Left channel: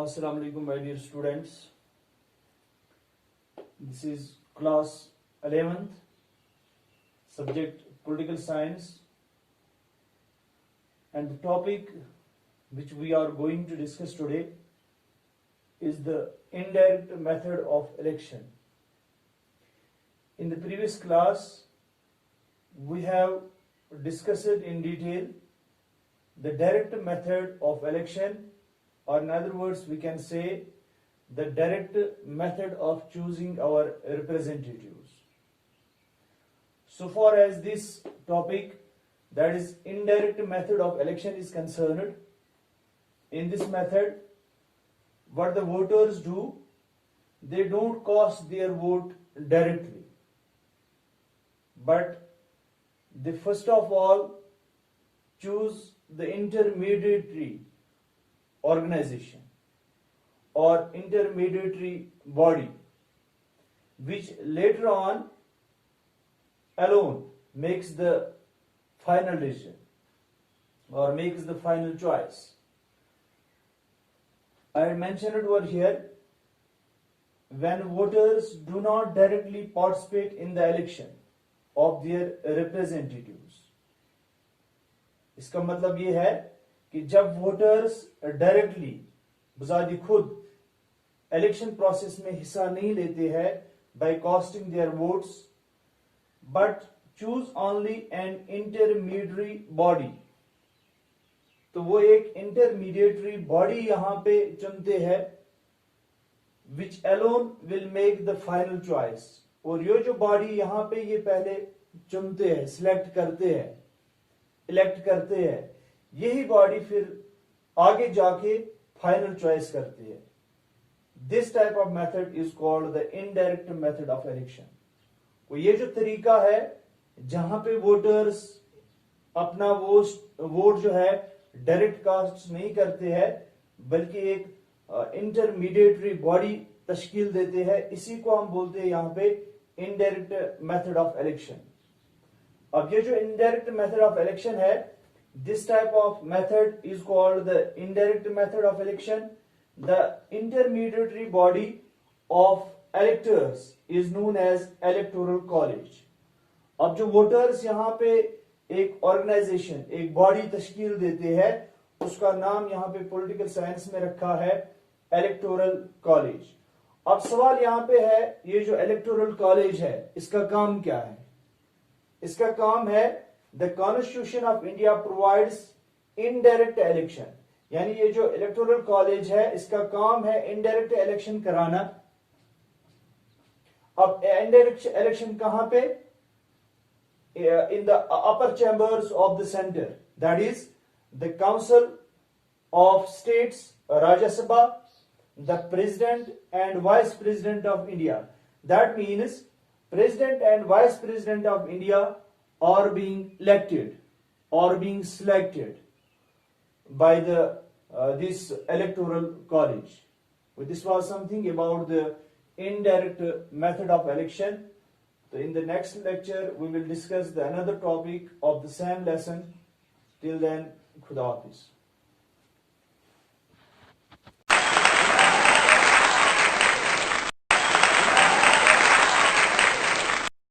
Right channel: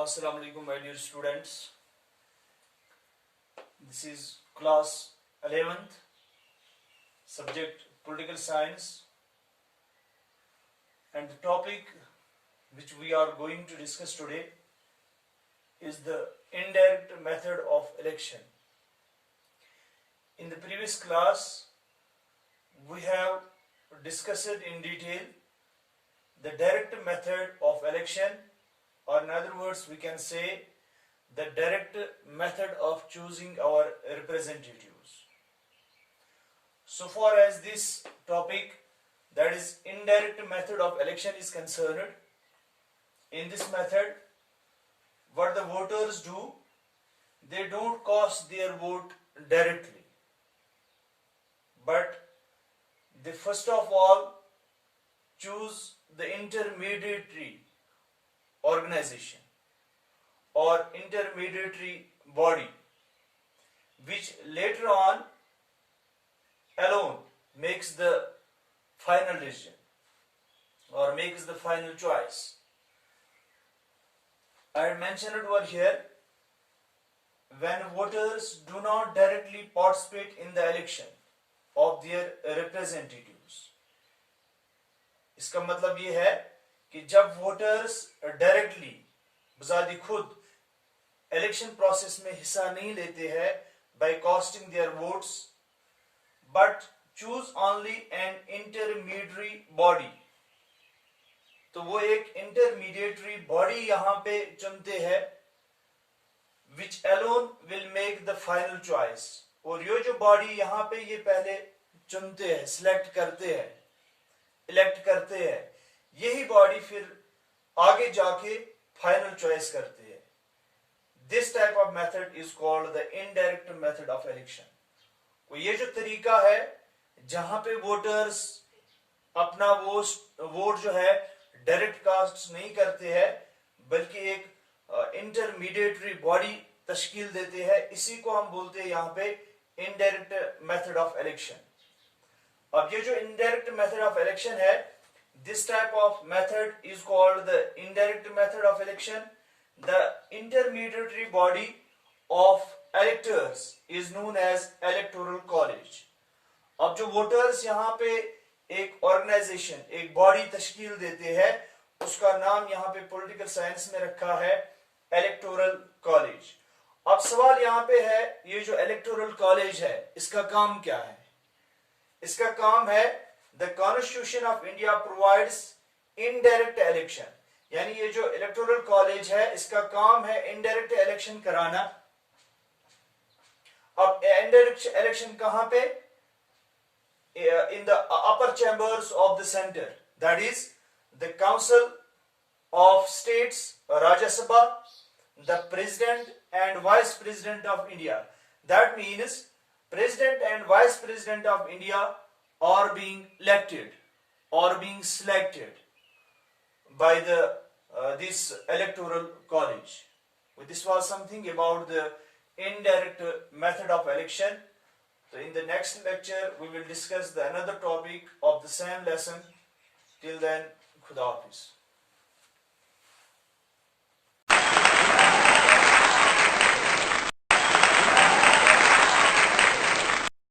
Assalamu alaikum, my dear students. This is class 11th, subject political science, and the topic which we are going to discuss today is the indirect method of election. In the previous class, we have discussed in detail the direct method of election, or in other words, we can say the direct method of choosing our representatives. So far as this topic, that is indirect method of election, is concerned, in this method, what the voters do, they don't cast their vote directly, but they first of all choose the intermediary organization or intermediary body, which later on alone makes the final decision or makes the final choice. I mentioned it over here, when voters do not directly participate in the election of their representatives. इसका मतलब ये है कि जब voters directly बजादी खुद election process में हिस्सा नहीं लेते हैं by casting their votes, but choose only an intermediatory body, तो वो एक इंटरमीडिएटरी बॉडी यहां पे चुनते हैं, which alone will make the final choice. और ये जो बॉडी यहां पे ये पहले चुनते हैं, सिलेक्ट करते हैं, इलेक्ट करते हैं, यही बॉडी फिर आगे जाके फाइनल चॉइस करते हैं. This type of method is called the indirect method of election. तो ये जो तरीका है जहां पे वोटर्स अपना वोट जो है डायरेक्ट कास्ट नहीं करते हैं, बल्कि एक इंटरमीडिएटरी बॉडी तश्कील देते हैं, इसी को हम बोलते हैं यहां पे इनडायरेक्ट मेथड ऑफ इलेक्शन. अब ये जो इनडायरेक्ट मेथड ऑफ इलेक्शन है, this type of method is called the indirect method of election. The intermediary body of electors is known as electoral college. अब जो वोटर्स यहाँ पे एक ऑर्गेनाइजेशन, एक बॉडी तश्कील देते हैं, उसका नाम यहाँ पे पॉलिटिकल साइंस में रखा है इलेक्टोरल कॉलेज. अब सवाल यहाँ पे है, ये जो इलेक्टोरल कॉलेज है इसका काम क्या है? इसका काम है, The Constitution of India provides indirect election. यानी ये जो इलेक्टोरल कॉलेज है इसका काम है इनडायरेक्ट इलेक्शन कराना. अब इनडायरेक्ट इलेक्शन कहां पे? In the upper chambers of the centre, that is the council of states, Rajya Sabha, the president and vice president of India. That means president and vice president of India are being elected or being selected by the this electoral college. Well, this was something about the indirect method of election. So in the next lecture we will discuss the another topic of the same lesson. Till then, Khuda Hafiz.